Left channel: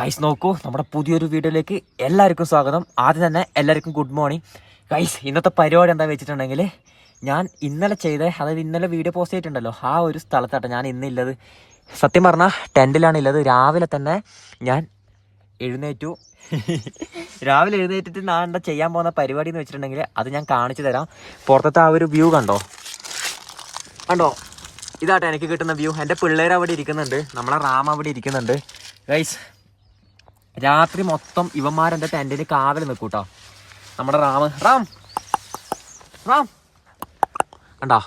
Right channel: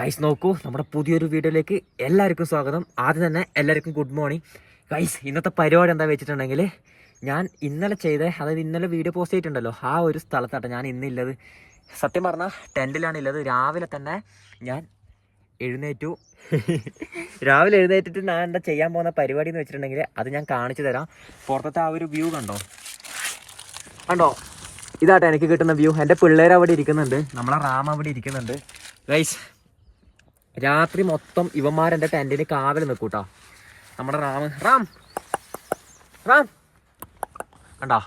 Guys നോക്കൂ നമ്മുടെ പുതിയൊരു വീഡിയോയിലേക്ക് എല്ലാവർക്കും സ്വാഗതം. ആദ്യം തന്നെ എല്ലാവർക്കും ഗുഡ് മോർണിംഗ് ഗൈസ് ഇന്നത്തെ പരിപാടി എന്താ വെച്ചിട്ടുണ്ടെങ്കിൽ ഞാൻ ഇന്നലെ ചെയ്ത അതായത് ഇന്നലെ വീഡിയോ പോസ്റ്റ് ചെയ്തിട്ടുണ്ടല്ലോ ആ ഒരു സ്ഥലത്താട്ടോ ഞാൻ ഇന്നില്ലത് സത്യം പറഞ്ഞാൽ ടെന്റിലാണ് ഉള്ളത് രാവിലെ തന്നെ ഞാൻ എഴുന്നേറ്റു. രാവിലെ എഴുന്നേറ്റിട്ട് ഞാൻ എന്താ ചെയ്യാൻ പോകുന്ന പരിപാടി എന്ന് വെച്ചിട്ടുണ്ടെങ്കിൽ അത് ഞാൻ കാണിച്ചു തരാം. പുറത്തത്തെ ആ ഒരു വ്യൂ കണ്ടോ? കണ്ടോ? ഇതാട്ടെ എനിക്ക് കിട്ടുന്ന വ്യൂ എന്റെ പിള്ളേർ അവിടെ ഇരിക്കുന്നുണ്ട്. നമ്മളെ റാം അവിടെ ഇരിക്കുന്നുണ്ട്. ഗൈസ് രാത്രി മൊത്തം ഇവന്മാരെന്റെ ടെന്റിന് കാവൽ നിൽക്കൂട്ടോ. നമ്മുടെ റാം റാം റാം. കണ്ടോ?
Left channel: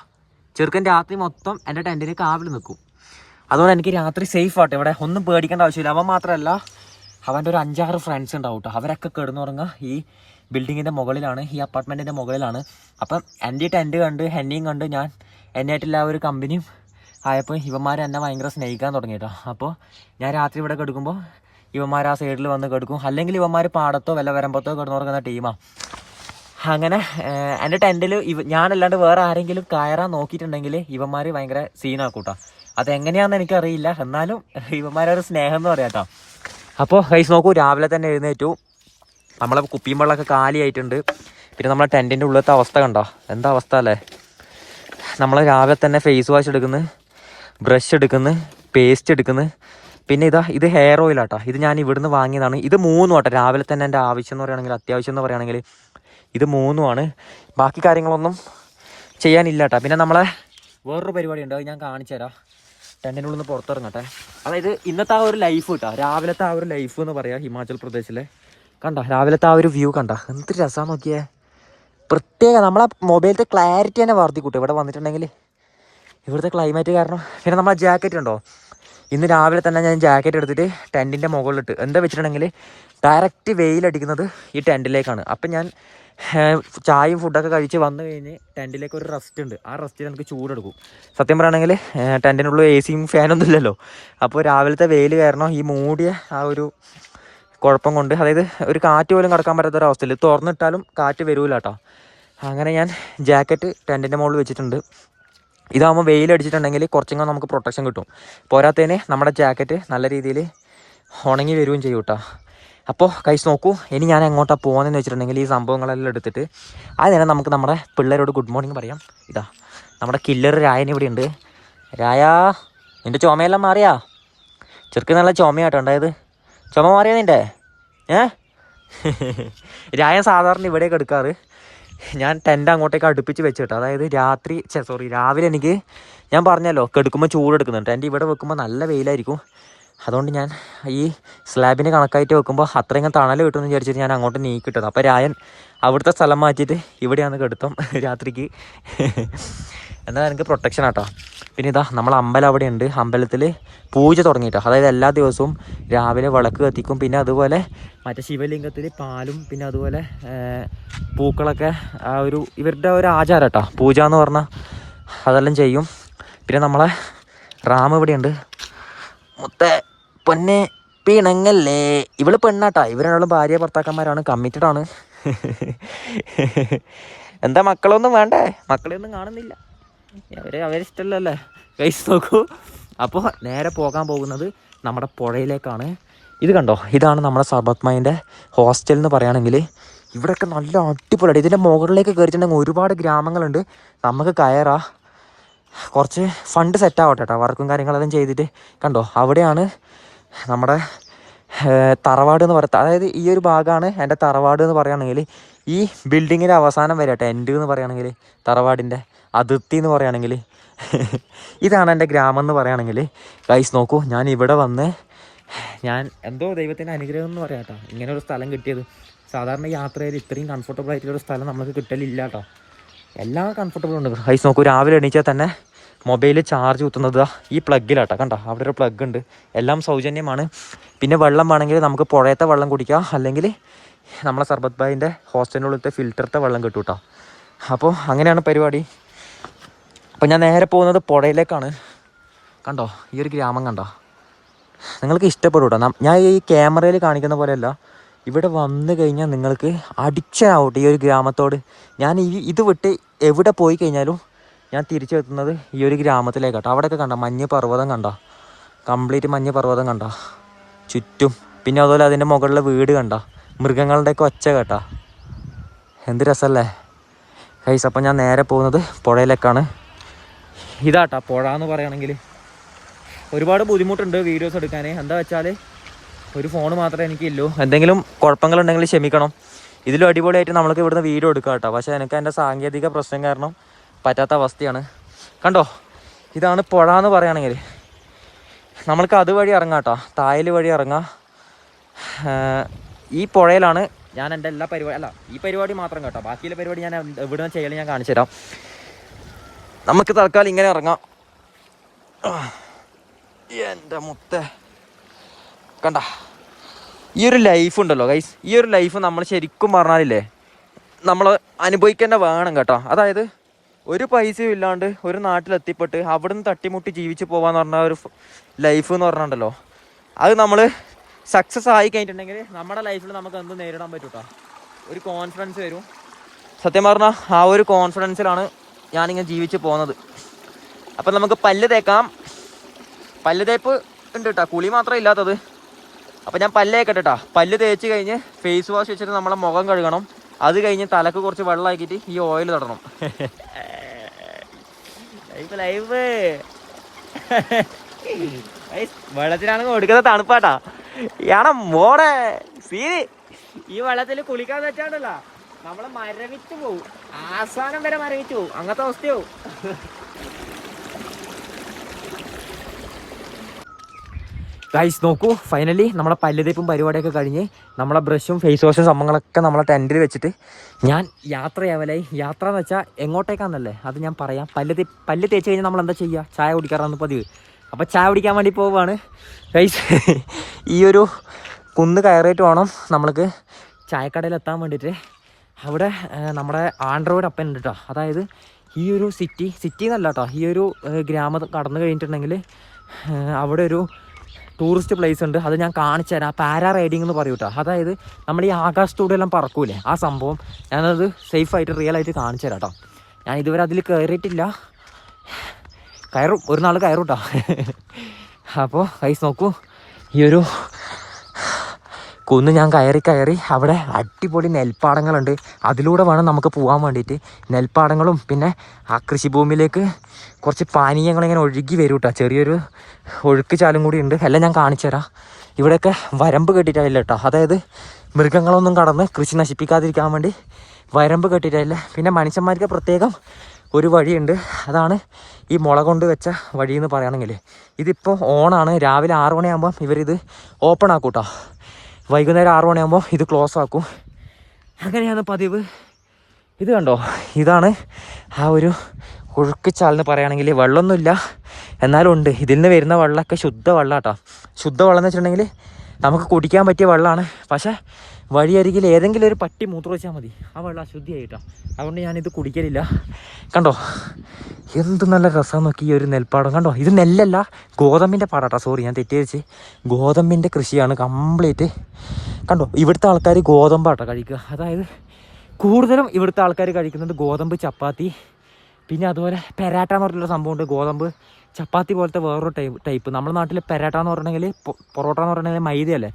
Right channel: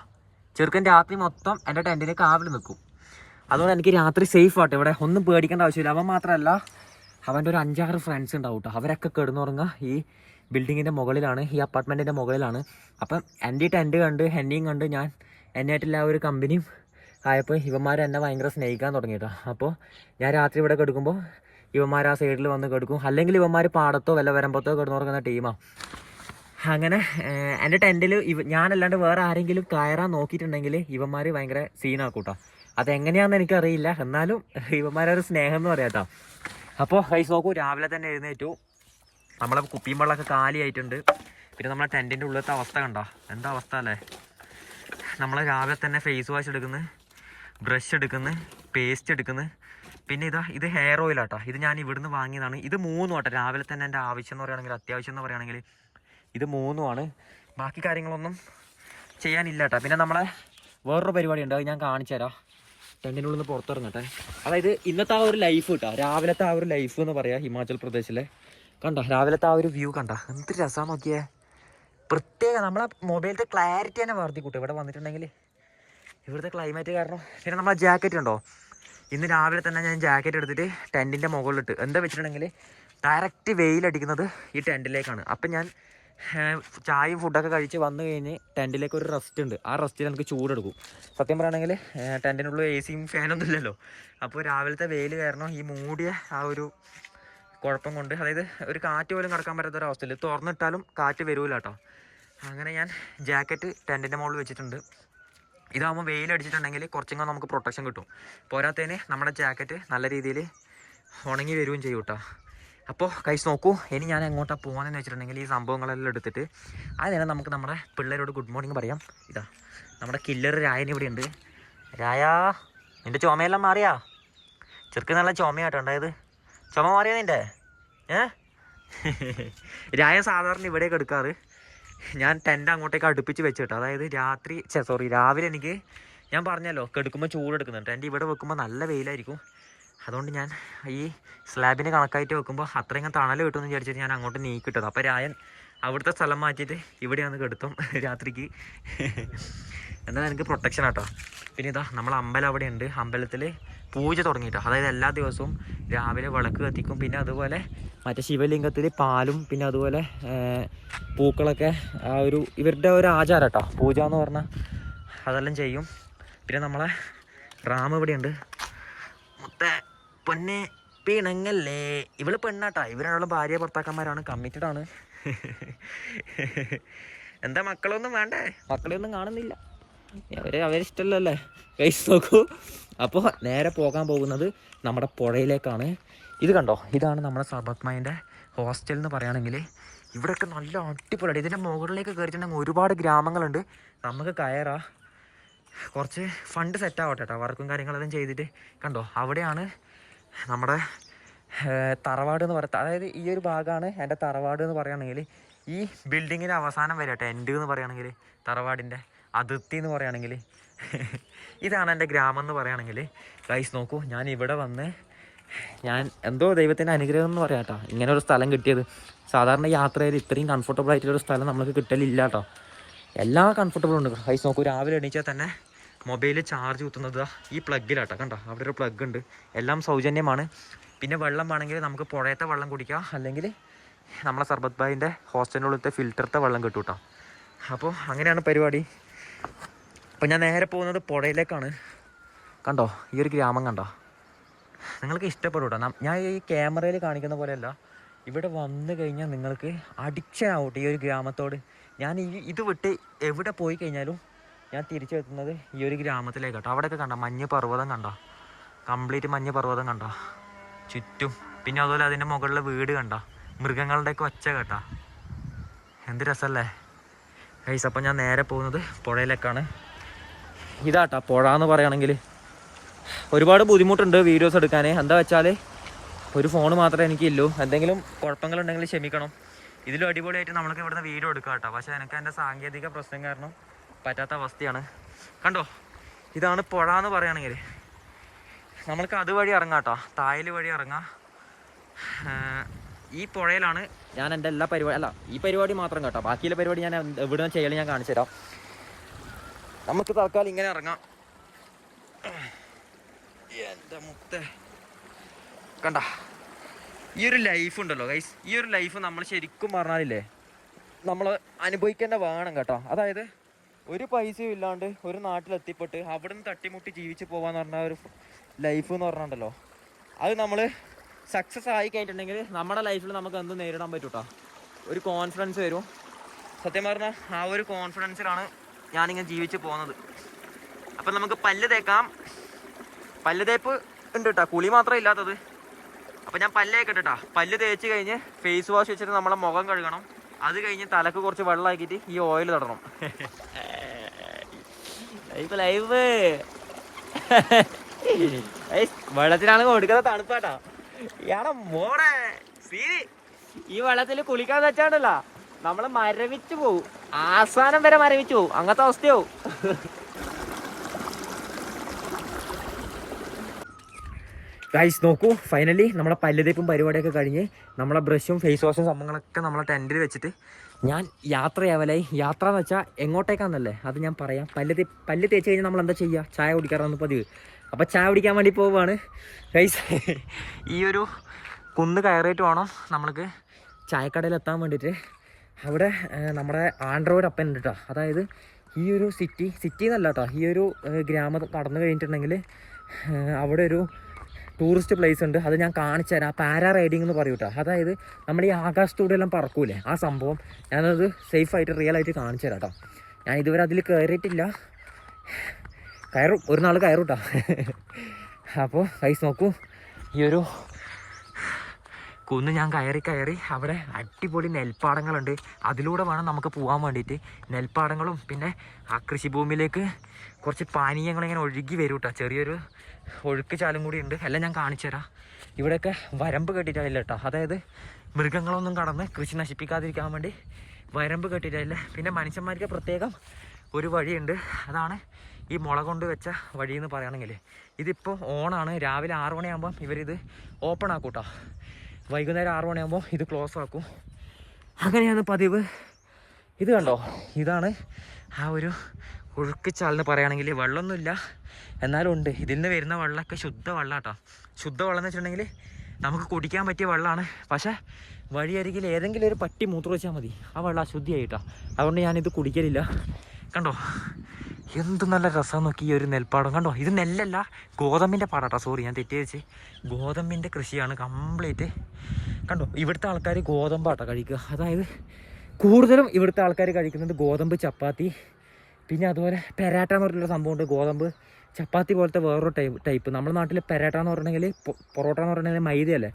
ചെറുക്കൻ രാത്രി മൊത്തം എന്റെ ടെന്റിന് കാവൽ നിൽക്കും. അതുകൊണ്ട് എനിക്ക് രാത്രി സേഫ് ആട്ടെ. ഇവിടെ ഒന്നും പേടിക്കേണ്ട ആവശ്യമില്ല. അവൻ മാത്രമല്ല അവന്റെ ഒരു അഞ്ചാറ് ഫ്രണ്ട്സ് ഉണ്ടാവും കേട്ടോ അവരൊക്കെ കിടന്നുറങ്ങുക ഈ ബിൽഡിങ്ങിന്റെ മുകളിലാണ് ഈ അപ്പാർട്ട്മെന്റിന്റെ മുകളിലാണ്. അപ്പം എന്റെ ടെന്റ് കണ്ട് എന്നെയും കണ്ട് ഞാൻ എന്നായിട്ടുള്ള ആ ഒരു കമ്പനിയും ആയപ്പോൾ ഇവന്മാർ എന്നെ ഭയങ്കര സ്നേഹിക്കാൻ തുടങ്ങിയിട്ടോ. അപ്പോൾ ഞാൻ രാത്രി ഇവിടെ കിടക്കുമ്പോൾ ഇവന്മാർ ആ സൈഡിൽ വന്ന് കെടുക്കും. അല്ലെങ്കിൽ ഇവന്മാർ പാടത്തോ വല്ല വരമ്പത്തോ കിടന്നുറങ്ങുന്ന ടീമാണ് അങ്ങനെ എന്റെ ടെന്റിൽ ഇവ ഞാനല്ലാണ്ട് വേറെ ആരെങ്കിലും കയറാൻ നോക്കിയിട്ടുണ്ടെങ്കിൽ ഇവന്മാർ ഭയങ്കര സീനാക്കൂട്ടോ. അതെങ്ങനെയാണെന്ന് എനിക്കറിയില്ല. എന്നാലും ഇവന്മാരൊരു സ്നേഹം എന്ന് പറയാം കേട്ടോ. അപ്പോൾ കൈസ് നോക്കൂ രാവിലെ തന്നെ എഴുന്നേറ്റു. നമ്മളെ കുപ്പിയും വെള്ളമൊക്കെ കാലിയായിട്ടുണ്ട്. പിന്നെ നമ്മളെ ടെന്റിന്റെ ഉള്ളിലത്തെ അവസ്ഥ കണ്ടോ? എന്താ അവസ്ഥ അല്ലേ? നമ്മൾ രാവിലെ തന്നെ ഫേസ് വാഷ് എടുക്കുന്നു ബ്രഷ് എടുക്കുന്നു പേസ്റ്റ് എടുക്കുന്നു. പിന്നെ ഇതാ ഇത് ഹെയർ ഓയിൽ ആട്ടോ. ഇത് ഞാൻ ഇവിടുന്ന് വാങ്ങിയതാണ്. ഇത് മൂന്നും ആട്ടോ. രാവിലെ തന്നെ എന്റെ ആവശ്യം എന്ന് പറയുകയാണെങ്കിൽ അത്യാവശ്യം എന്ന് പറയുകയാണെങ്കിൽ ഇത് മൂന്നുമാണ് ബാക്കി കാര്യങ്ങളൊന്നും ചെയ്യാനില്ല കേട്ടോ. പിന്നെ നമ്മളെ വേറൊരു പരിപാടി ഉണ്ട്. അത് ഞാൻ കാണിച്ചു തരാം. ടെന്റിനുള്ളിൽ നിന്ന് പുറത്തിറങ്ങട്ടെ. അതായത് ഇന്നത്തെ ആ ഒരു ലൈഫ് കേട്ടോ. രാവിലത്തെ ആ ഒരു ലൈഫ് എന്ന് പറയാം ഹിമാചൽ പ്രദേശിലെ. കണ്ടോ? രാവിലത്തെ ആ ഒരു വ്യൂ കണ്ട? എന്ത് രസമാണ് നോക്കിയേ. പ്രത്യേക നമ്മളെ മൊബൈലിന്റെ ക്ലാരിറ്റി തന്നെ വർദ്ധിക്കൂട്ടോ. ഇവിടെ വന്നിട്ടുണ്ടെങ്കിൽ ഇവിടുത്തെ ക്ലൈമറ്റ് കാരണം. പിന്നെ നമ്മളെ ജാക്കറ്റ് ഉണ്ടോ ഇന്ന് രാവിലെ തന്നെ ഞാൻ ജാക്കറ്റ് എടുത്തിട്ട് ടെന്റിന്റെ മുകളിലിട്ട്. എന്താ വെച്ചിട്ടുണ്ടെങ്കിൽ ഡയറക്റ്റ് വെയിലടിക്കുന്നത് ഈ ടെന്റിലേക്കാണ് അപ്പം ഞാൻ ചായയും ഫുഡൊക്കെ കഴിച്ച് വന്നു കഴിഞ്ഞ് ടെന്റിലേക്ക് ഒരു റെസ്റ്റ് ഉണ്ട്. ആ റെസ്റ്റിൽ നമുക്ക് ചൂടെടുക്കും. സത്യം പറയുകയാണെങ്കിൽ ടെന്റിനുള്ളിൽ എ സിയും ഫാനൊന്നും ഇല്ലല്ലോ. അപ്പോൾ രാവിലത്തെ വെയിൽ കാരണം ഈ മൂടിയ ആ ഒരു കുഴപ്പം കൊണ്ട് അതായത് ഒരു കാറ്റ് പോലും കടക്കാൻ പറ്റാത്ത ഒരു അവസ്ഥയിൽ തുറന്നിട്ടാലും കാറ്റ് വരൂല കേട്ടോ അങ്ങനെ ഞാൻ ജാക്കറ്റ് ടെന്റിന്റെ മുകളിൽ വെച്ചിട്ടുണ്ട്. ഇതാകുമ്പോൾ വെയിലടിച്ചിട്ടുണ്ടെങ്കിൽ കുറച്ചും കൂടെ നമുക്ക് പ്രൊട്ടക്ഷൻ കിട്ടും. പോരാത്തതിന് നമ്മുടെ ജാക്കറ്റ് നല്ല രീതിയിൽ ഉണങ്ങി വരികയും ചെയ്യും കേട്ടോ. അപ്പോൾ കൈസ് നോക്കൂ ഇനി ഞാൻ എങ്ങോട്ടാണ് പോകുന്നതെന്ന് വെച്ചിട്ടുണ്ടെങ്കിൽ ഈ സംഭവങ്ങളെല്ലാം എടുത്തിട്ട് ആ നേരം നമുക്ക് നമ്മുടെ പിള്ളേരോട് ഗുഡ് മോർണിംഗ് പറയാം. ഇതാ നമ്മുടെ കില്ലർ രായൻ ഇവിടെ ഉണ്ട്. രായ നിന്റെ ചുമയെല്ലാം മാറിയാ? ചെറുക്ക് നല്ല ചുമയാട്ടോ ഉണ്ടായത്. ചുമ മാറിയാ നിന്റെ ഏ? രായൻ സാധാരണ ഇവിടെയൊക്കെ എടുക്കാറ്. ഞാൻ ടെന്റ് അങ്ങോട്ടേക്ക് അടുപ്പിച്ച് വെച്ചിട്ട് അതായത് രാത്രി സോറി രാവിലെ എനിക്ക് ഞാൻ പറഞ്ഞല്ലോ കെടുക്കുമ്പോൾ ചൂടെടുക്കുന്നുണ്ട് ടെന്റ് ഇവിടെ വെക്കുമ്പോൾ നല്ല വെയിലായിരിക്കും. അതുകൊണ്ട് ഞാൻ ഈ സ്ലാബിന് കണക്കായിട്ട് വെക്കുമ്പോൾ അത്രയും തണൽ കിട്ടുമെന്ന് വിചാരിച്ചിട്ട് ഞാൻ അങ്ങോട്ട് നീക്കിട്ടത് അപ്പോൾ രായൻ അവിടുത്തെ സ്ഥലം മാറ്റിയിട്ട് ഇവിടെയാണ് കെടുത്തം രാത്രിക്ക്. എന്നാൽ എനിക്ക് പ്രൊട്ടക്ഷൻ ആട്ടോ. പിന്നെ ഇതാ നമ്മൾ അമ്പലം അവിടെ ഉണ്ട് അമ്പലത്തിൽ പൂജ തുടങ്ങിയിട്ട്. അതായത് എല്ലാ ദിവസവും രാവിലെ വിളക്ക് കത്തിക്കും. പിന്നെ അതുപോലെ മറ്റേ ശിവലിംഗത്തിൽ പാലും പിന്നെ അതുപോലെ പൂക്കളൊക്കെ ആ ഒരു ഇവരുടെ ഒരു ആചാരം കേട്ടോ പൂജ എന്ന് പറഞ്ഞാൽ അതെല്ലാം ചെയ്യും. പിന്നെ നമ്മളെ റാം ഇവിടെയുണ്ട്. മുത്ത പൊന്നെ പിണങ്ങല്ലേ? ഇവൾ പെണ്ണാട്ടാ. ഇവരാളും ഭാര്യ ഭർത്താക്കന്മാരാണ്. കമ്മിറ്റഡ് ആണ്. എന്താ മക്കളൊന്നും വേണ്ടേ? മക്കളെ ഒന്നും കാണുന്നില്ല. അവരെ അവരിഷ്ടമല്ലല്ലേ കൈസ് നോക്കൂ. അപ്പോൾ നേരെ പോകാൻ പോകുന്നത് നമ്മുടെ പുഴയിലേക്കാണ്. ഇത് കണ്ടോ? ഇതാണ് നമ്മുടെ സർബത്മയിന്റെ ഹോസ്റ്റൽ എന്ന് പറയുകയാണെങ്കിൽ ഇവിടെയൊക്കെ നല്ല അടിപൊളിയാണ് ഇതിന്റെ മുകളിലേക്ക് കയറിയിട്ടുണ്ടെങ്കിൽ ഒരുപാട് ഗ്രാമങ്ങളുണ്ട്. നമുക്ക് കയറാ. കുറച്ച് ഫണ്ട് സെറ്റാവട്ടെ കേട്ടോ. വർക്കും കാര്യങ്ങളെല്ലാം ചെയ്തിട്ട്. കണ്ടോ? അവിടെയാണ് നമ്മുടെ തറവാട് എന്ന് പറയുക അതായത് ഈ ഒരു ഭാഗമാണ് എന്റെ തറവാട് എന്ന് പറയുകയാണെങ്കിൽ ഈ ബിൽഡിങ്ങിന്റെ അവസാനം വരെ കേട്ടോ. എന്റെ എന്ന് പറയുകയാണെങ്കിൽ തറവാടിന്റെ അതിർത്തി എന്ന് പറയുകയാണെങ്കിൽ ഇതാണ് എന്റെ ഗ്രാമം എന്ന് പറയുകയാണെങ്കിൽ ഗൈസ് നോക്കൂ ഞാൻ ഇവിടെ വന്ന് ഞാൻ എന്തോ ദൈവത്തിന്റെ അനുഗ്രഹം എന്ന് പറയാം കേട്ടോ. ഇങ്ങനെ ഒരു സ്ഥലം കിട്ടിയത്. സാധാരണ യാത്രയിൽ ഇത്രയും കംഫർട്ടബിൾ ആയിട്ടുള്ള ഒരു സ്ഥലം നമുക്ക് കിട്ടലില്ല കേട്ടോ. എല്ലാം കംഫർട്ടബിൾ ഉണ്ട്. ഗൈസ് നോക്കൂ രാവിലെ എണീച്ചാൽ തന്നെ മൊബൈൽ ചാർജ് കുത്തുന്നത് ഈ പ്ലഗിലാട്ടോ കണ്ടോ? അവിടെ ഒരു പ്ലഗ് ഉണ്ട്. എല്ലാം സൗജന്യമാണ്. പിന്നെ വെള്ളം വേണമെങ്കിൽ നമുക്ക് പുഴയത്തെ വെള്ളം കുടിക്കാം. അല്ലെങ്കിൽ നമ്മളെ സർബത്ത് ബായിന്റെ ഹോസ്റ്റലിനുള്ളിലത്തെ ഫിൽറ്ററത്തെ വെള്ളം കിട്ടും കേട്ടോ. അപ്പോൾ അങ്ങനെയാണ് പരിപാടി. അപ്പോൾ ഞാൻ നേരെ പോകുന്നത് പുഴയിലേക്കാണ് കണ്ടോ? ഈ ഒരു ഗ്രാമം കണ്ടോ? നിങ്ങൾക്ക് ഇഷ്ടപ്പെടും കേട്ടോ ഞാൻ ഈ ക്യാമറയിൽ കാണിക്കുന്ന പോലെയല്ല. ഇവിടെ വന്നു കഴിഞ്ഞാൽ നിങ്ങൾക്ക് അഡിക്ഷൻ ആവട്ടെ ഈ ഒരു ഗ്രാമത്തോട്. ഞാൻ ഈ ഇത് വിട്ട് എവിടെ പോയി കഴിഞ്ഞാലും ഞാൻ തിരിച്ചെത്തുന്നത് ഈ ഒരു ഗ്രാമത്തിലേക്കാട്ടോ. അവിടെയൊക്കെ കണ്ട? മഞ്ഞ് പർവതം കണ്ട? കംപ്ലീറ്റ് മഞ്ഞ് പർവതം കണ്ട? ചുറ്റും. പിന്നെ അതുപോലെ അതിന്റെ മുകളിലെ വീട് കണ്ട? മൃഗങ്ങളുടെയൊക്കെ ഒച്ച കേട്ടാ. എന്ത് രസമല്ലേ? കൈസ് അപ്പം ഞാൻ നേരെ പോകുന്നത് പുഴയിലേക്കാണ് ഇതാട്ടാ പുഴ എന്ന് പറയുകയാണെങ്കിൽ ഒരുപാട് ബുദ്ധിമുട്ടുണ്ട് വീഡിയോസ് എടുക്കാൻ എന്താ വെച്ചാൽ ഒരു ഫോൺ മാത്രമേ എനിക്കില്ലൂ. എന്തെങ്കിലും കുഴപ്പങ്ങളുണ്ടെങ്കിൽ ക്ഷമിക്കണം. ഇതിലും അടിപൊളിയായിട്ട് നമ്മൾക്ക് ഇവിടുന്ന് വീഡിയോ എടുക്കാം കേട്ടോ പക്ഷേ എനിക്ക് എന്റെ സാങ്കേതിക പ്രശ്നം കാരണം പറ്റാത്ത അവസ്ഥയാണ്. കണ്ടോ? ഇതാണ് പുഴ എന്ന് പറയുകയാണെങ്കിൽ നമ്മൾക്ക് അതുവഴി ഇറങ്ങാം കേട്ടോ തായൽ വഴി ഇറങ്ങാം. ഈ പുഴയിലാണ് ഞാൻ എന്റെ എല്ലാ പരിപാടി അല്ല ഈ പരിപാടി മാത്രം കേട്ടോ. ബാക്കിയുള്ള പരിപാടി ഞാൻ എവിടെ നിന്ന് ചെയ്യലും ഞാൻ കാണിച്ചു തരാം നമുക്ക് തൽക്കാലം ഇങ്ങനെ ഇറങ്ങാം. എന്റെ മുത്ത. കണ്ട ഈ ഒരു ലൈഫ് ഉണ്ടല്ലോ ഗൈസ് ഈ ഒരു ലൈഫ് നമ്മൾ ശരിക്കും പറഞ്ഞാലില്ലേ നമ്മൾ അനുഭവിക്കേണ്ട വേണം കേട്ടോ. അതായത് ഒരു പൈസയും ഇല്ലാണ്ട് ഒരു നാട്ടിലെത്തിപ്പെട്ട് അവിടുന്ന് തട്ടിമുട്ടി ജീവിച്ച് പോകാന്ന് പറഞ്ഞ ഒരു ലൈഫ് എന്ന് പറഞ്ഞിട്ടുണ്ടല്ലോ. അത് നമ്മൾ സക്സസ് ആയി കഴിഞ്ഞിട്ടുണ്ടെങ്കിൽ നമ്മുടെ ലൈഫിൽ നമുക്ക് എന്ത് നേരിടാൻ പറ്റൂട്ടോ. ഒരു കോൺഫിഡൻസ് വരും. സത്യം പറഞ്ഞാൽ ആ ഒരു കോൺഫിഡൻസിലാണ് ഞാനിങ്ങനെ ജീവിച്ച് പോകുന്നത് അപ്പം നമുക്ക് പല്ല് തേക്കാം. പല്ല് തേപ്പ് ഉണ്ട് കേട്ടോ കുളി മാത്രമേ ഇല്ലാത്തത്. അപ്പം ഞാൻ പല്ല് തേക്കട്ടെ കേട്ടോ പല്ല് തേച്ച് കഴിഞ്ഞ് ഫേസ് വാഷ് വെച്ചിട്ട് നമ്മളെ മുഖം കഴുകണം. അത് കഴിഞ്ഞ് തലക്ക് കുറച്ച് വെള്ളമാക്കിയിട്ട് ഈ ഓയിൽ തടണം. ലൈഫ് ലൈഫ് വെള്ളത്തിലാണ് കൊടുക്കുന്ന തണുപ്പാട്ടാ ഇയാളെ മോടെ സീ. ഈ വെള്ളത്തിൽ കുളിക്കാൻ വെച്ചാണ്ടല്ലോ. നമ്മൾ മരവിച്ചു പോവും. ആസാനം വരെ മരവിച്ചു പോവും. അങ്ങനത്തെ അവസ്ഥയാവും. ഗൈസ് നോക്കൂ. ഫൈനലി നമ്മളെ പല്ലുതേപ്പും പരിപാടിയൊക്കെ കഴിഞ്ഞ് നമ്മളെ ബ്രഷും ഫേസ് വാഷും സംഭവങ്ങളൊക്കെ നമ്മളെ ടെന്റിൽ വെച്ചിട്ട് ഞാൻ യാത്രയാവലായി. യാത്ര എന്ന് വെച്ചാൽ എങ്ങോട്ടേക്കാണെന്നല്ലേ അത് ഞാൻ പറയാം. പല്ല് തേ പല്ല് തേച്ച് കഴിഞ്ഞാൽ നമ്മൾ എന്താ ചെയ്യുക ചായ കുടിക്കാറാണ് പതിവ്. അപ്പോൾ ചായ കുടിക്കാൻ വേണ്ടി പോവുകയാണ് ഗൈസ് ഈ ഒരു കുന്ന് കയറിയിട്ട് വേണം നമ്മൾക്ക് ചായക്കടയിൽ എത്താൻ വേണ്ടിയിട്ട്. അവിടെ നമ്മുടെ ആൻഡ്രോയിഡ് അപ്പൻ ഉണ്ട് കേട്ടോ അതായത് ഈ ഒരു സിറ്റി സിറ്റി എന്നല്ല കേട്ടോ ഈ ഒരു ഗ്രാമം കടന്നു കഴിഞ്ഞിട്ടുണ്ടെങ്കിൽ അവിടെ ഒരു ടൂറിസ്റ്റ് പ്ലേസ് ഉണ്ട്. അത് ഞാൻ കാണിച്ചു തരാം. പാരാ റൈഡിംഗ് എന്ന് പറയും കേട്ടോ അതായത് നമ്മൾ ഈ ആകാശത്തൂടെ എല്ലാം പറക്കൂലേ? ആ സംഭവം ഞാനത് സേഫായിട്ട് റിയൽ ആയിട്ട് കാണിച്ചു തരാം കേട്ടോ ഞാൻ ഇതുവരെ അതിൽ കയറിയിട്ടില്ല കയറും. ഒരു നാൾ കയറും കേട്ടോ അപ്പോൾ കൈസ് നോക്കൂ. ഈ ഒരു കുന്ന് ഞാൻ കയറി കയറി അവിടെ അടിപൊളി നെൽപ്പാടങ്ങളുണ്ട്. അതിലൂടെ വേണം നമുക്ക് പോകാൻ വേണ്ടിയിട്ട്. നെൽപ്പാടങ്ങളും പിന്നെ ആ കൃഷിഭൂമിയിലേക്ക് കുറച്ച് പാനീയങ്ങൾ ഇങ്ങനെ ഒഴുകി വരും കേട്ടോ ചെറിയൊരു ഒഴുക്ക് ചാലും കൂടി ഉണ്ട്. എല്ലാം ഞാൻ കാണിച്ചു തരാം. ഇവിടെയൊക്കെ വരമ്പ് കെട്ടിയിട്ടില്ല കേട്ടോ അതായത് മൃഗങ്ങളൊന്നും കടന്ന് കൃഷി നശിപ്പിക്കാതിരിക്കാൻ വേണ്ടി വരമ്പ് കെട്ടിയിട്ടില്ല. പിന്നെ മനുഷ്യന്മാർക്ക് പ്രത്യേകം ഒരു വഴിയുണ്ട്. അതാണ് ഈ മുള കൊണ്ട് വെച്ച വഴിയെന്ന് പറയുകയാണെങ്കിൽ ഇതിപ്പോൾ ഓണാണ്. രാവിലെ ആറ് മണിയാകുമ്പം ഇവരിത് ഓപ്പൺ ആക്കൂട്ടോ. കേട്ടോ വൈകുന്നേരം ആറ് മണിയാകുമ്പോൾ ഇത് ക്ലോസ് ആക്കും. അങ്ങനെയാണ് പതിവ്. ഇത് കണ്ടോ? ഇതാണ് ആ ഒരു ഒഴുക്ക് ചാലെന്ന് പറയുകയാണെങ്കിൽ വെള്ളമൊന്നുമില്ല. എന്നാലും ഉണ്ട് ഇതിൽ നിന്ന് വരുന്ന വെള്ളമൊക്കെ ശുദ്ധ വെള്ളം കേട്ടോ ശുദ്ധ വെള്ളം എന്ന് വെച്ചിട്ടുണ്ടെങ്കിൽ നമുക്ക് കുടിക്കാൻ പറ്റിയ വെള്ളമാണ്. പക്ഷേ വഴിയരികിൽ ഏതെങ്കിലും ഒരു പട്ടി മൂത്ര വെച്ചാൽ മതി. ആ വെള്ളം അശുദ്ധിയായിട്ടോ. അതുകൊണ്ട് ഞാനിത് കുടിക്കലില്ല. കണ്ടോ? എന്ത് നല്ല രസം നോക്കി ഈ ഒരു നെൽപ്പാടം. കണ്ടോ? ഇത് നെല്ലല്ല ഗോതമ്പിന്റെ പാടാട്ടോ. സോറി ഞാൻ തെറ്റിദ്ധരിച്ച്. ഗോതമ്പിന്റെ കൃഷിയാണ് കംപ്ലീറ്റ്. കണ്ടോ? ഇവിടുത്തെ ആൾക്കാർ ഗോതമ്പാട്ടോ കഴിക്കുക. അതായത് കൂടുതലും ഇവിടുത്തെ ആൾക്കാർ കഴിക്കുന്നത് ഗോതമ്പ് ചപ്പാത്തി പിന്നെ അതുപോലെ പെരാട്ട എന്ന് പറഞ്ഞിട്ടുള്ള സംഭവമുണ്ട്. ഗോതമ്പ് ചപ്പാത്തി പോലത്തെ വേറൊരു ടൈപ്പ് ടൈപ്പ്. നമ്മുടെ നാട്ടിൽ പെരാട്ട എന്ന് പറഞ്ഞിട്ടുണ്ടെങ്കിൽ പൊറോട്ട എന്ന് പറഞ്ഞിട്ടുണ്ടെങ്കിൽ മൈദയല്ലേ?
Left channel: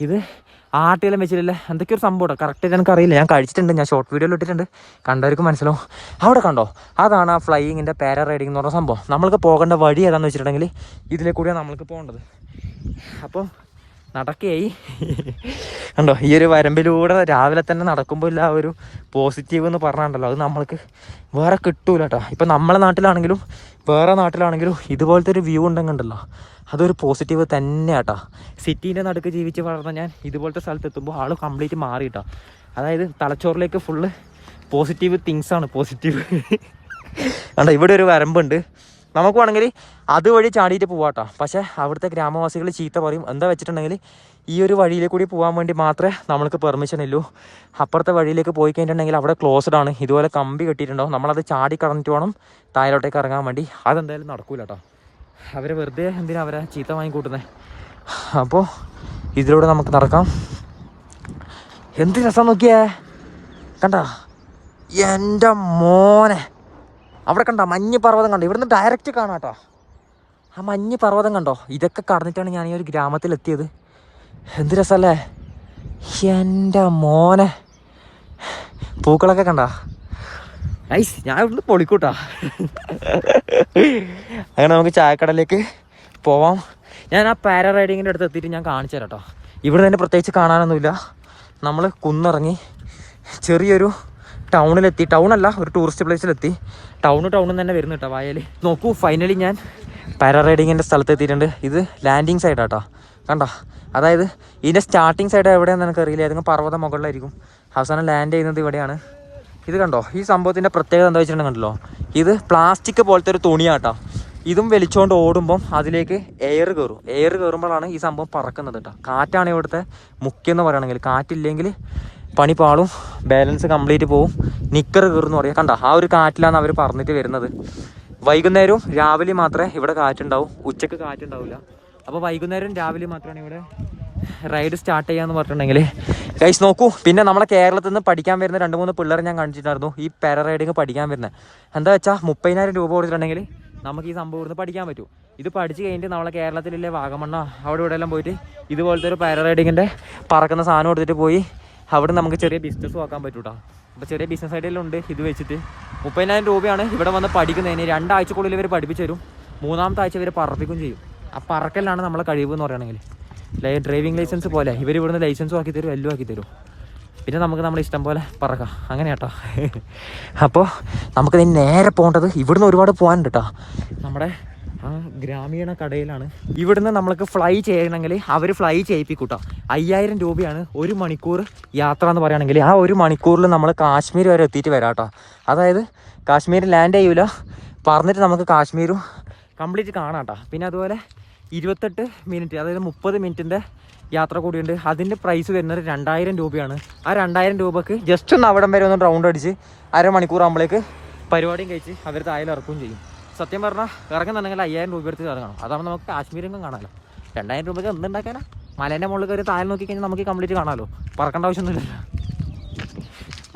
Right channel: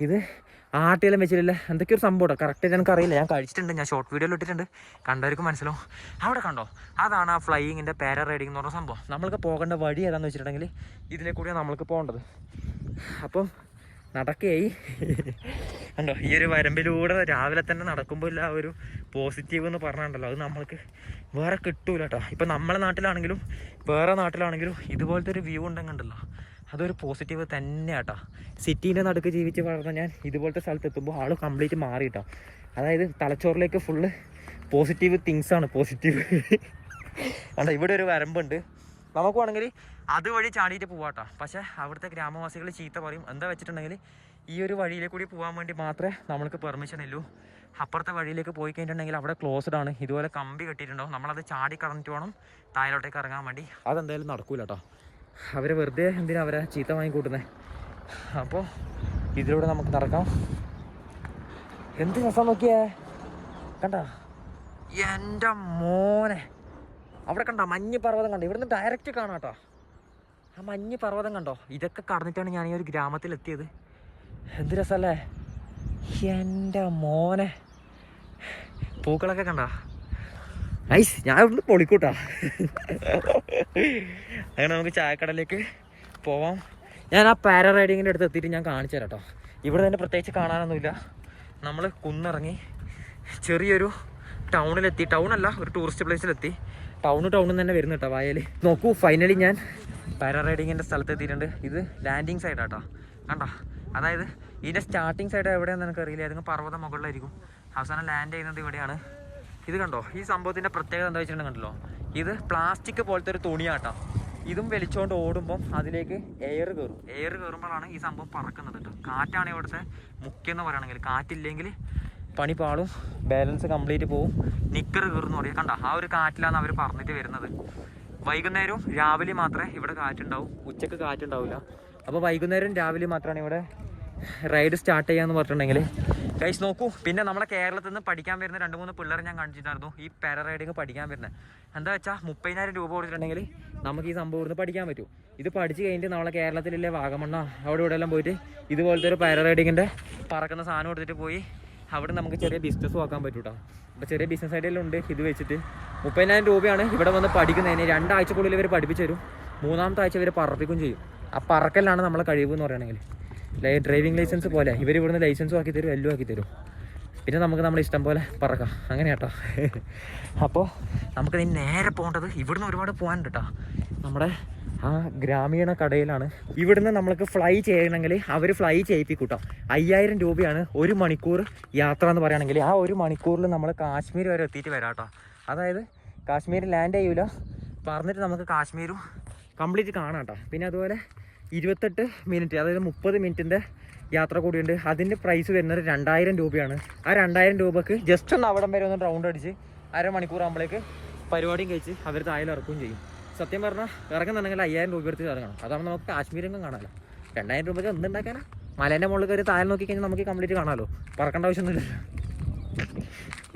ഇത് ആട്ടിയെല്ലാം വെച്ചിട്ടില്ല? എന്തൊക്കെ ഒരു സംഭവം കറക്റ്റ് എനിക്ക് അറിയില്ല ഞാൻ കഴിച്ചിട്ടുണ്ട്. ഞാൻ ഷോർട്ട് വീഡിയോയിൽ ഇട്ടിട്ടുണ്ട്. കണ്ടവർക്ക് മനസ്സിലാവും. അവിടെ കണ്ടോ? അതാണ് ആ ഫ്ലൈയിങ്ങിന്റെ പാര റൈഡിംഗ് എന്ന് പറഞ്ഞ സംഭവം. നമ്മൾക്ക് പോകേണ്ട വഴി ഏതാണെന്ന് വെച്ചിട്ടുണ്ടെങ്കിൽ ഇതിലെ കൂടിയാണ് നമ്മൾക്ക് പോകേണ്ടത്. അപ്പം നടക്കുകയായി കണ്ടോ? ഈ ഒരു വരമ്പിലൂടെ രാവിലെ തന്നെ നടക്കുമ്പോൾ ഇല്ല ഒരു പോസിറ്റീവ് എന്ന് പറഞ്ഞാണ്ടല്ലോ. അത് നമ്മൾക്ക് വേറെ കിട്ടൂല കേട്ടോ ഇപ്പം നമ്മളെ നാട്ടിലാണെങ്കിലും വേറെ നാട്ടിലാണെങ്കിലും ഇതുപോലത്തെ ഒരു വ്യൂ ഉണ്ടെങ്കിണ്ടല്ലോ അതൊരു പോസിറ്റീവ് തന്നെ കേട്ടോ സിറ്റീന്റെ നടുക്ക് ജീവിച്ച് വളർന്ന ഞാൻ ഇതുപോലത്തെ സ്ഥലത്ത് എത്തുമ്പോൾ ആൾ കംപ്ലീറ്റ് മാറി കേട്ടോ അതായത് തലച്ചോറിലേക്ക് ഫുള്ള് പോസിറ്റീവ് തിങ്സാണ് പോസിറ്റീവ് കണ്ടോ ഇവിടെ ഒരു വരമ്പുണ്ട്. നമുക്ക് വേണമെങ്കിൽ അതുവഴി ചാടിയിട്ട് പോവാട്ടോ. പക്ഷേ അവിടുത്തെ ഗ്രാമവാസികൾ ചീത്ത പറയും. എന്താ വെച്ചിട്ടുണ്ടെങ്കിൽ ഈ ഒരു വഴിയിൽ കൂടി പോകാൻ വേണ്ടി മാത്രമേ നമ്മൾക്ക് പെർമിഷൻ ഉള്ളൂ അപ്പുറത്തെ വഴിയിലേക്ക് പോയി കഴിഞ്ഞിട്ടുണ്ടെങ്കിൽ അവിടെ ക്ലോസ്ഡ് ആണ്. ഇതുപോലെ കമ്പി കെട്ടിയിട്ടുണ്ടാവും. നമ്മളത് ചാടി കടന്നിട്ട് വേണം താഴോട്ടേക്ക് ഇറങ്ങാൻ വേണ്ടി. അതെന്തായാലും നടക്കൂല കേട്ടോ അവരെ വെറുതെ എന്തിനാ അവരെ ചീത്ത വാങ്ങിക്കൂട്ടുന്നത് അപ്പോൾ ഇതിലൂടെ നമുക്ക് നടക്കാം. എന്ത് രസം നോക്കിയേ? കണ്ട? എന്റെ മോനെ. അവിടെ കണ്ട? മഞ്ഞ് പർവതം കണ്ടോ? ഇവിടുന്ന് ഡയറക്റ്റ് കാണാം കേട്ടോ. ആ മഞ്ഞ് പർവതം കണ്ടോ? ഇതൊക്കെ കടന്നിട്ടാണ് ഞാൻ ഈ ഒരു ഗ്രാമത്തിലെത്തിയത് എന്ത് രസമല്ലേ? എന്റെ മോനെ. പൂക്കളൊക്കെ കണ്ട? ഐസ് ഞാൻ ഇവിടുന്ന് പൊളിക്കൂട്ടാ. അങ്ങനെ നമുക്ക് ചായക്കടയിലേക്ക് പോവാം. ഞാൻ ആ പാര റൈഡിങ്ങിന്റെ അടുത്ത് എത്തിയിട്ട് ഞാൻ കാണിച്ചു തരാം കേട്ടോ. ഇവിടെ തന്നെ പ്രത്യേകിച്ച് കാണാനൊന്നുമില്ല. നമ്മൾ കുന്നിറങ്ങി ചെറിയൊരു ടൗണിലെത്തി. ടൗണല്ല ഒരു ടൂറിസ്റ്റ് പ്ലേസിലെത്തി ടൗണ് ടൗണിൽ തന്നെ വരുന്നു കേട്ടോ വയൽ നോക്കൂ ഫൈനലി ഞാൻ പാര റൈഡിങ്ങിന്റെ സ്ഥലത്ത് എത്തിയിട്ടുണ്ട്. ഇത് ലാൻഡിങ് സൈഡാട്ടോ കണ്ടോ? അതായത് ഇതിന്റെ സ്റ്റാർട്ടിങ് സൈഡ് എവിടെയാണെന്ന് എനിക്കറിയില്ല. ഏതെങ്കിലും പർവത മുകളിലായിരിക്കും. അവസാനം ലാൻഡ് ചെയ്യുന്നത് ഇവിടെയാണ്. ഇത് കണ്ടോ? ഈ സംഭവത്തിന്റെ പ്രത്യേകത എന്താ വെച്ചിട്ടുണ്ടെങ്കിൽ കണ്ടല്ലോ ഇത് പ്ലാസ്റ്റിക് പോലത്തെ ഒരു തുണിയാട്ടോ. ഇതും വലിച്ചുകൊണ്ട് ഓടുമ്പം അതിലേക്ക് എയർ കയറും എയർ കയറുമ്പോഴാണ് ഈ സംഭവം പറക്കുന്നത് കേട്ടോ. കാറ്റാണ് ഇവിടുത്തെ മുഖ്യം എന്ന് പറയുകയാണെങ്കിൽ. കാറ്റില്ലെങ്കിൽ പണി പാളും ബാലൻസ് കംപ്ലീറ്റ് പോവും. നിക്കർ കയറുമെന്ന് പറയാം. കണ്ട? ആ ഒരു കാറ്റിലാണ് അവർ പറഞ്ഞിട്ട് വരുന്നത്. വൈകുന്നേരവും രാവിലെ മാത്രമേ ഇവിടെ കാറ്റുണ്ടാവും. ഉച്ചയ്ക്ക് കാറ്റുണ്ടാവില്ല അപ്പോൾ വൈകുന്നേരം രാവിലെ മാത്രമാണ് ഇവിടെ റൈഡ് സ്റ്റാർട്ട് ചെയ്യാന്ന് പറഞ്ഞിട്ടുണ്ടെങ്കിൽ ഗൈസ് നോക്കൂ. പിന്നെ നമ്മളെ കേരളത്തിൽ നിന്ന് പഠിക്കാൻ വരുന്ന രണ്ട് മൂന്ന് പിള്ളേർ ഞാൻ കാണിച്ചിട്ടുണ്ടായിരുന്നു. ഈ പാര റൈഡിങ് പഠിക്കാൻ വരുന്നത് എന്താ വെച്ചാൽ മുപ്പതിനായിരം രൂപ കൊടുത്തിട്ടുണ്ടെങ്കിൽ നമുക്ക് ഈ സംഭവം ഇവിടുന്ന് പഠിക്കാൻ പറ്റും. ഇത് പഠിച്ച് കഴിഞ്ഞിട്ട് നമ്മളെ കേരളത്തിലെ വാഗമണ്ണ അവിടെ ഇവിടെ എല്ലാം പോയിട്ട് ഇതുപോലത്തെ ഒരു പാര റൈഡിങ്ങിന്റെ പറക്കുന്ന സാധനം കൊടുത്തിട്ട് പോയി അവിടെ നമുക്ക് ചെറിയ ബിസിനസ് നോക്കാൻ പറ്റൂട്ടോ. അപ്പോൾ ചെറിയ ബിസിനസ് ഐഡിയെല്ലാം ഉണ്ട്. ഇത് വെച്ചിട്ട് മുപ്പതിനായിരം രൂപയാണ് ഇവിടെ വന്ന് പഠിക്കുന്നതിന്. രണ്ടാഴ്ചക്കുള്ളിൽ ഇവർ പഠിപ്പിച്ചു തരും. മൂന്നാമത്തെ ആഴ്ച ഇവർ പറപ്പിക്കും ചെയ്യും. ആ പറക്കലാണ് നമ്മളെ കഴിവ് എന്ന് പറയുകയാണെങ്കിൽ. ഡ്രൈവിംഗ് ലൈസൻസ് പോലെ. ഇവർ ഇവിടുന്ന് ലൈസൻസും ആക്കി തരും എല്ലാം ആക്കി തരും പിന്നെ നമുക്ക് നമ്മുടെ ഇഷ്ടം പോലെ പറക്കാം. അങ്ങനെ കേട്ടോ. അപ്പോൾ നമുക്ക് ഇനി നേരെ പോകേണ്ടത് ഇവിടുന്ന് ഒരുപാട് പോകാനുണ്ട് കേട്ടോ നമ്മുടെ ആ ഗ്രാമീണ കടയിലാണ്. ഇവിടുന്ന് നമ്മൾക്ക് ഫ്ലൈ ചെയ്യണമെങ്കിൽ അവർ ഫ്ലൈ ചെയ്യിപ്പിക്കൂട്ടോ. അയ്യായിരം രൂപയാണ് ഒരു മണിക്കൂർ യാത്ര എന്ന് പറയുകയാണെങ്കിൽ ആ ഒരു മണിക്കൂറിൽ നമ്മൾ കാശ്മീർ വരെ എത്തിയിട്ട് വരാം കേട്ടോ അതായത് കാശ്മീർ ലാൻഡ് ചെയ്യൂല. പറഞ്ഞിട്ട് നമുക്ക് കാശ്മീരും കംപ്ലീറ്റ് കാണാം കേട്ടോ പിന്നെ അതുപോലെ ഇരുപത്തെട്ട് മിനിറ്റ് അതായത് മുപ്പത് മിനിറ്റിന്റെ യാത്ര കൂടിയുണ്ട്. അതിന്റെ പ്രൈസ് വരുന്നത് രണ്ടായിരം രൂപയാണ്. ആ രണ്ടായിരം രൂപക്ക് ജസ്റ്റ് ഒന്ന് അവിടം വരെ ഒന്ന് റൗണ്ട് അടിച്ച് അരമണിക്കൂർ ആകുമ്പോഴേക്ക് പരിപാടിയും കഴിച്ച് അവർ താഴെ ഇറക്കുകയും ചെയ്യും. സത്യം പറഞ്ഞാൽ ഇറങ്ങുന്നുണ്ടെങ്കിൽ അയ്യായിരം രൂപ എടുത്ത് ഇറങ്ങണം. അതാകുമ്പോൾ നമുക്ക് കാശ്മീരൊന്നും കാണാമല്ലോ രണ്ടായിരം രൂപയ്ക്ക് എന്തുണ്ടാക്കാനാ മലേന്റെ മുകളിൽ കയറി താഴെ നോക്കി കഴിഞ്ഞാൽ നമുക്ക് കംപ്ലീറ്റ് കാണാമല്ലോ പറക്കേണ്ട ആവശ്യമൊന്നുമില്ല.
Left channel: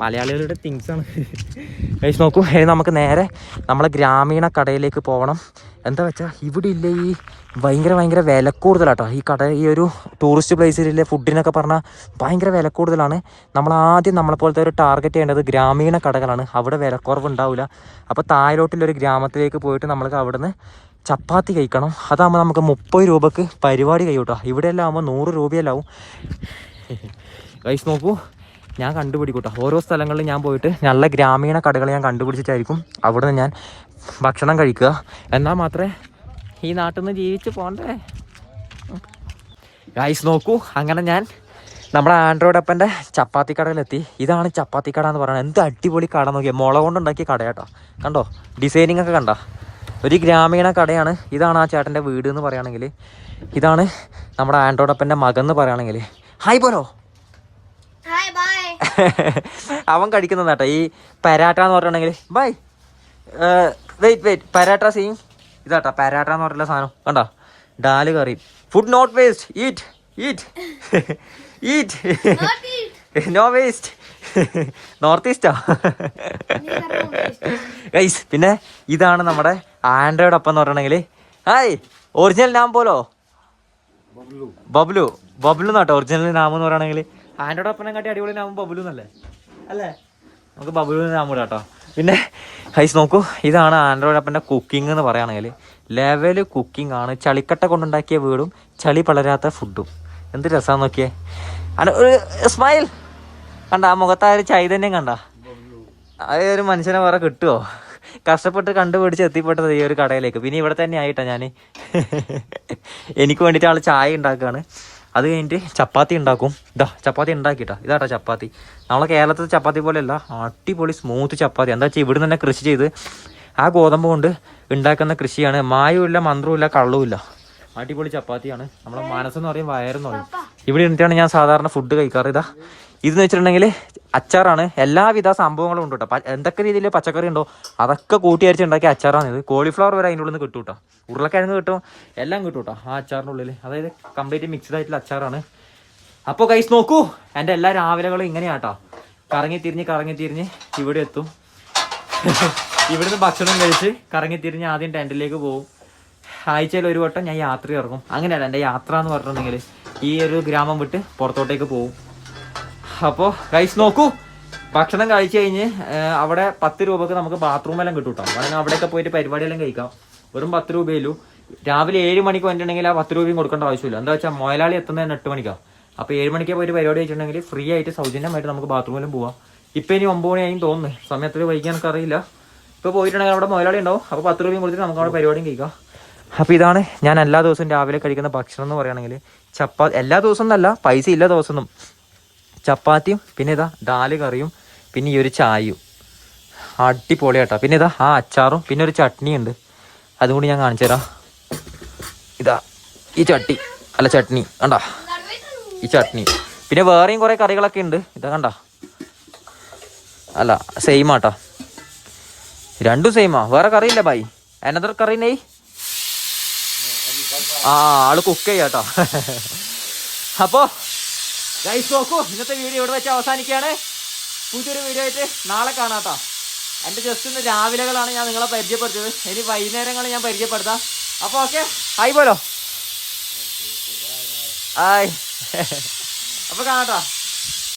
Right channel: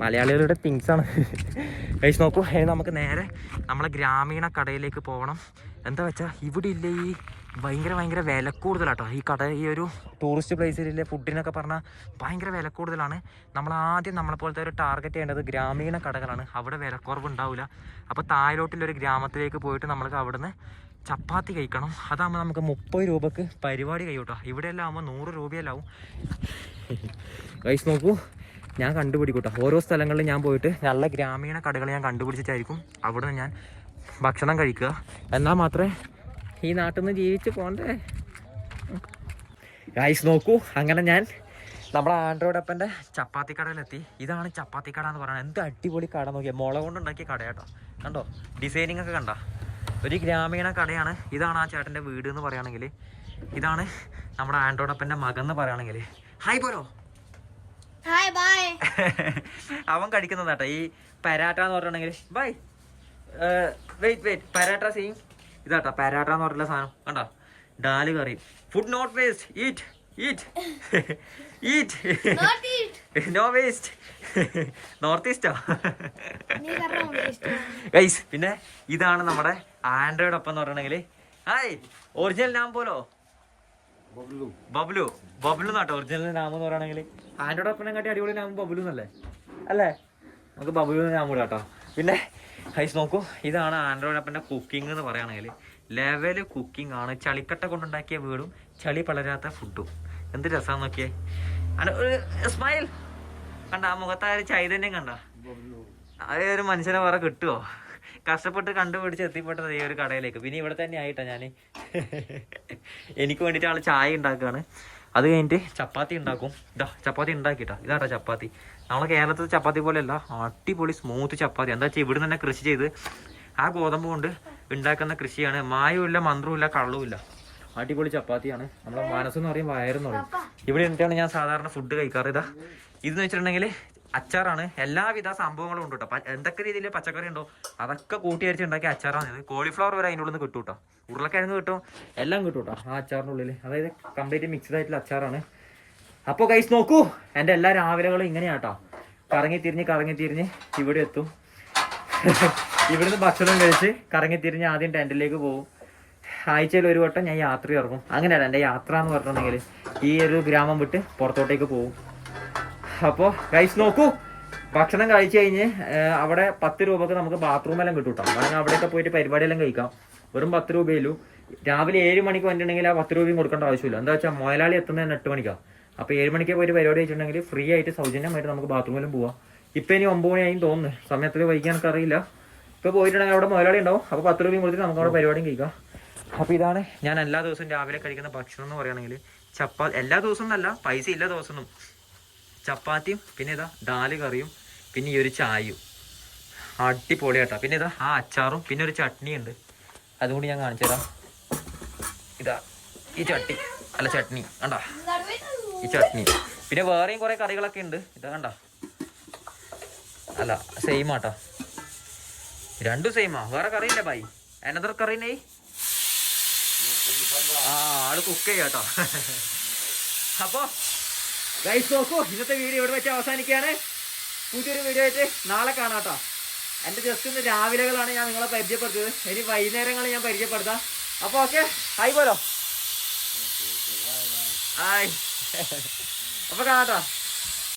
മലയാളികളുടെ തിങ്സ് ആണ്. കഴിച്ച് നോക്കൂ. ഇനി നമുക്ക് നേരെ നമ്മളെ ഗ്രാമീണ കടയിലേക്ക് പോകണം എന്താ വെച്ചാൽ ഇവിടെ ഇല്ല ഈ ഭയങ്കര ഭയങ്കര വില കൂടുതലാട്ടോ ഈ കട ഈ ഒരു ടൂറിസ്റ്റ് പ്ലേസിലെ ഫുഡിനൊക്കെ പറഞ്ഞാൽ ഭയങ്കര വില കൂടുതലാണ് നമ്മൾ ആദ്യം നമ്മളെ പോലത്തെ ഒരു ടാർഗറ്റ് ചെയ്യേണ്ടത് ഗ്രാമീണ കടകളാണ്. അവിടെ വിലക്കുറവ് ഉണ്ടാവില്ല അപ്പോൾ താഴോട്ടിലൊരു ഗ്രാമത്തിലേക്ക് പോയിട്ട് നമ്മൾക്ക് അവിടുന്ന് ചപ്പാത്തി കഴിക്കണം. അതാകുമ്പോൾ നമുക്ക് മുപ്പത് രൂപക്ക് പരിപാടി കഴിയൂട്ടോ. ഇവിടെയെല്ലാം ആകുമ്പോൾ നൂറ് രൂപയെല്ലാവും. ആവും ഗൈസ് നോക്കൂ. ഞാൻ കണ്ടുപിടിക്കൂട്ടോ. ഓരോ സ്ഥലങ്ങളിലും ഞാൻ പോയിട്ട് നല്ല ഗ്രാമീണ കടകൾ ഞാൻ കണ്ടുപിടിച്ചിട്ടായിരിക്കും അവിടെ ഞാൻ ഭക്ഷണം കഴിക്കുക. എന്നാൽ മാത്രമേ ഈ നാട്ടിൽ നിന്ന് ജീവിച്ച് പോണ്ടേ? ഗൈസ് നോക്കൂ. അങ്ങനെ ഞാൻ നമ്മുടെ ആൻഡ്രോയിഡ് അപ്പന്റെ ചപ്പാത്തി കടയിലെത്തി. ഇതാണ് ചപ്പാത്തി കട എന്ന് പറയുന്നത്. എന്ത് അടിപൊളി കട നോക്കിയാൽ മുള കൊണ്ടുണ്ടാക്കിയ കട കേട്ടോ കണ്ടോ? ഡിസൈനിങ് ഒക്കെ കണ്ടോ? ഒരു ഗ്രാമീണ കടയാണ്. ഇതാണ് ആ ചേട്ടന്റെ വീട് എന്ന് പറയുകയാണെങ്കിൽ. ഇതാണ് നമ്മുടെ ആൻഡ്രോയിഡ് അപ്പന്റെ മകൻ എന്ന് പറയുകയാണെങ്കിൽ. ഹായ് പോലോ. അവൻ കഴിക്കുന്നതാട്ടോ ഈ പരാട്ട എന്ന് പറയുകയാണെങ്കിൽ. ബൈ വെയിറ്റ് വെയിറ്റ് പരാട്ട സീങ് ഇതാട്ടോ പരാട്ട എന്ന് പറഞ്ഞിട്ടുള്ള സാധനം. കണ്ടോ? ഡാൽ കറി. Food not waste eat eat eat. No waste north ഈസ്റ്റാ guys പിന്നെ ഇതാണ് നമ്മുടെ ആൻഡ്രോയിഡ് അപ്പം എന്ന് പറഞ്ഞിട്ടുണ്ടെങ്കിൽ ഹായ് ഒറിജിനൽ നാം പോലോ? ബബ്ലു. ബബ്ലു. എന്നാട്ടോ? ഒറിജിനൽ നാം എന്ന് പറയുകയാണെങ്കിൽ ആൻഡ്രോയിഡ് അപ്പനെ കാട്ടി അടിപൊളി നാമം ബബ്ലു എന്നല്ലേ? അല്ലേ? നമുക്ക് ബബ്ലു നാം കേട്ടോ പിന്നെ ഹൈസ് നോക്കൂ ഇതാണ് ആൻഡ്രോയിഡ് അപ്പന്റെ കുക്കിംഗ് എന്ന് പറയുകയാണെങ്കിൽ ലെവൽ കുക്കിംഗ് ആണ്. ചളിക്കട്ട കൊണ്ടുണ്ടാക്കിയ വീടും ചളി പളരാത്ത ഫുഡും എന്ത് രസമാണ് നോക്കിയേ. അന ഒരു സ്മൈൽ കണ്ട ആ മുഖത്ത് ആ ഒരു ചൈതന്യം കണ്ട. ആ ഒരു മനുഷ്യനെ വേറെ കിട്ടുമോ കഷ്ടപ്പെട്ട് കണ്ടുപിടിച്ച് എത്തിപ്പെട്ടത് ഈ ഒരു കടയിലേക്ക്. പിന്നെ ഇവിടെ തന്നെ ആയിട്ടാണ് ഞാൻ എനിക്ക് വേണ്ടിയിട്ട് ആൾ ചായ ഉണ്ടാക്കുകയാണ്. അത് കഴിഞ്ഞിട്ട് ചപ്പാത്തി ഉണ്ടാക്കും. ഇതാ ചപ്പാത്തി ഉണ്ടാക്കിട്ടാ ഇതാട്ടോ ചപ്പാത്തി. നമ്മളെ കേരളത്തിലെ ചപ്പാത്തി പോലെയല്ല അടിപൊളി സ്മൂത്ത് ചപ്പാത്തി. എന്താ വെച്ചാൽ ഇവിടെ തന്നെ കൃഷി ചെയ്ത് ആ ഗോതമ്പ് കൊണ്ട് ഉണ്ടാക്കുന്ന കൃഷിയാണ്. മായവുമില്ല മന്ത്രവുമില്ല കള്ളവുമില്ല അടിപൊളി ചപ്പാത്തിയാണ്. നമ്മളെ മനസ്സെന്ന് പറയും വയറെന്ന് പറയും. ഇവിടെ ഇരുന്നിട്ടാണ് ഞാൻ സാധാരണ ഫുഡ് കഴിക്കാറ്. ഇതാ ഇതെന്ന് വെച്ചിട്ടുണ്ടെങ്കിൽ അച്ചാറാണ്. എല്ലാവിധ സംഭവങ്ങളും ഉണ്ട് കേട്ടോ എന്തൊക്കെ രീതിയിൽ പച്ചക്കറി ഉണ്ടോ അതൊക്കെ കൂട്ടി അരിച്ച് ഉണ്ടാക്കിയ അച്ചാറാണ് ഇത്. കോളിഫ്ലവർ വരെ അതിന്റെ ഉള്ളിൽ നിന്ന് കിട്ടും കേട്ടോ ഉരുളക്കിഴങ്ങ് കിട്ടും എല്ലാം കിട്ടും കേട്ടോ ആ അച്ചാറിന്റെ ഉള്ളിൽ അതായത് കംപ്ലീറ്റ് മിക്സ്ഡ് ആയിട്ടുള്ള അച്ചാറാണ്. അപ്പോൾ കൈസ് നോക്കൂ. എന്റെ എല്ലാ രാവിലെകളും കേട്ടോ കറങ്ങി തിരിഞ്ഞ് കറങ്ങി തിരിഞ്ഞ് ഇവിടെ എത്തും. ഇവിടുന്ന് ഭക്ഷണം കഴിച്ച് കറങ്ങി തിരിഞ്ഞ് ആദ്യം ടെന്റിലേക്ക് പോകും. ആഴ്ചയിൽ ഒരു വട്ടം ഞാൻ യാത്ര ഇറങ്ങും അങ്ങനെയല്ല എന്റെ യാത്ര എന്ന് പറഞ്ഞിട്ടുണ്ടെങ്കിൽ ഈ ഒരു ഗ്രാമം വിട്ട് പുറത്തോട്ടേക്ക് പോകും. അപ്പോൾ ഗൈസ് നോക്കൂ. ഭക്ഷണം കഴിച്ചു കഴിഞ്ഞ് അവിടെ പത്ത് രൂപക്ക് നമുക്ക് ബാത്റൂം എല്ലാം കിട്ടും കേട്ടോ വേണമെങ്കിൽ അവിടെയൊക്കെ പോയിട്ട് പരിപാടിയെല്ലാം കഴിക്കാം. വെറും പത്ത് രൂപയുള്ളൂ രാവിലെ ഏഴ് മണിക്ക് വന്നിട്ടുണ്ടെങ്കിൽ ആ പത്ത് രൂപയും കൊടുക്കേണ്ട ആവശ്യമില്ല. എന്താ വെച്ചാൽ മുതലാളി എത്തുന്നതിന് എട്ട് മണിക്കാണ് അപ്പോൾ ഏഴ് മണിക്ക് പോയിട്ട് പരിപാടി വെച്ചിട്ടുണ്ടെങ്കിൽ ഫ്രീ ആയിട്ട് സൗജന്യമായിട്ട് നമുക്ക് ബാത്റൂമിലും പോവാം. ഇപ്പം ഇനി ഒമ്പത് മണിയായി തോന്നുന്നു. സമയത്തിൽ വൈകി എനിക്ക് അറിയില്ല. ഇപ്പോൾ പോയിട്ടുണ്ടെങ്കിൽ അവിടെ മുതലാളി ഉണ്ടാവും. അപ്പോൾ പത്ത് രൂപയും കൊടുത്തിട്ട് നമുക്ക് അവിടെ പരിപാടിയും കഴിക്കാം. അപ്പോൾ ഇതാണ് ഞാൻ എല്ലാ ദിവസവും രാവിലെ കഴിക്കുന്ന ഭക്ഷണം എന്ന് പറയുകയാണെങ്കിൽ ചപ്പാ എല്ലാ ദിവസവും എന്നല്ല പൈസ ഇല്ല ദിവസമൊന്നും. ചപ്പാത്തിയും പിന്നെ ഇതാ ദാൽ കറിയും പിന്നെ ഈ ഒരു ചായയും. അടിപൊളി ആട്ടോ പിന്നെ ഇതാ ആ അച്ചാറും പിന്നെ ഒരു ചട്നി ഉണ്ട് അതും കൂടി ഞാൻ കാണിച്ചു തരാം. ഇതാ ഈ ചട്ടി അല്ല ചട്നി. കണ്ട? ഈ ചട്നി. പിന്നെ വേറെയും കുറേ കറികളൊക്കെ ഉണ്ട്. ഇതാ കണ്ട? അല്ല സെയിം ആട്ടോ. രണ്ടും സെയിമാ വേറെ കറിയില്ല ബായി അനദർ കറി നെയ്? ആ ആൾ കുക്ക് ചെയ്യാട്ടോ. അപ്പോ ഗൈസ് നോക്കൂ ഇന്നത്തെ വീഡിയോ ഇവിടെ വെച്ച് അവസാനിക്കുകയാണ്. പുതിയൊരു വീഡിയോ ആയിട്ട് നാളെ കാണാട്ടോ എന്റെ ജസ്റ്റ് ഇന്ന് രാവിലെകളാണ് ഞാൻ നിങ്ങളെ പരിചയപ്പെടുത്തിയത്. ഇനി വൈകുന്നേരങ്ങൾ ഞാൻ പരിചയപ്പെടുത്താം. അപ്പോൾ ഓക്കെ ആയി പോലോ. ആയി അപ്പോൾ കാണാട്ടോ